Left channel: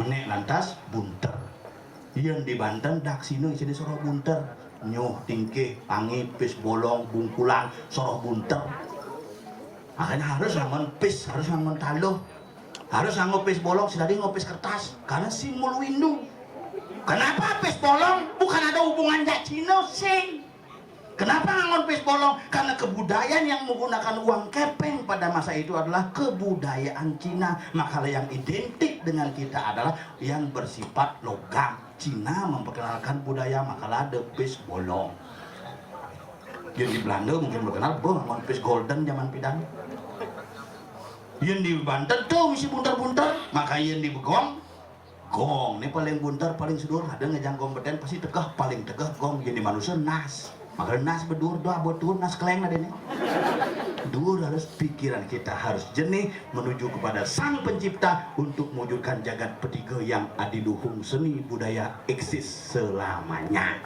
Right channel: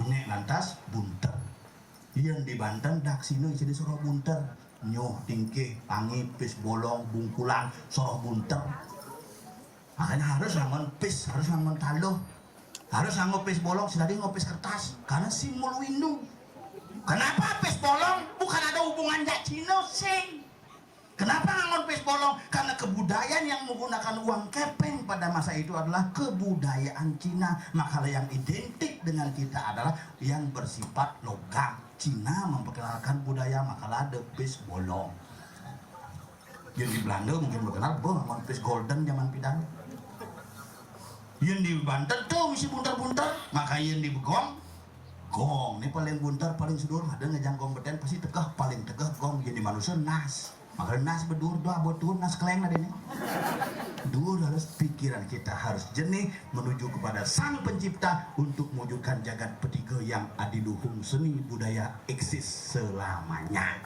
menek lantas bunter. Yang di Banten dak sini jadi soroh bunter, nyuh tingkih pangi pis bolong bungkulan soroh bunter. Makanya harus ngangon pis, harus ngangon taluh, harus ngangon pis bolong, sedari ngopis kertas karena simbol windu. Kenapa pis bolong? Bukan ada hubungan jak Cina sing. Kenapa ngangon pis bolong? Karena kebudayaan yang menggunakan uang kepeng pada masa itu adalah kebudayaan Cina. Maka yang identik dengan kita adalah yang bersifat logam. Cina memperkenalkan budaya, maka ada pis bolong. Yang di Belanda mungkin berkenal, ngangon pis golden zaman pidang. Yang di Banten tuh misi bunter-bunter, maka yang di Begong gong, ini paling bunter, paling sedur, ada ngejang kompeten pasti tegah, paling tegah gong. Jadi manusia nas, maka nas bedur doa buat tuh nas keleng adanya. Dur harus pikiran kita harus jernih menuju kepada sang pencipta untuk mewujudkan jagat petiga yang adiluhung seni budaya eksis selamanya.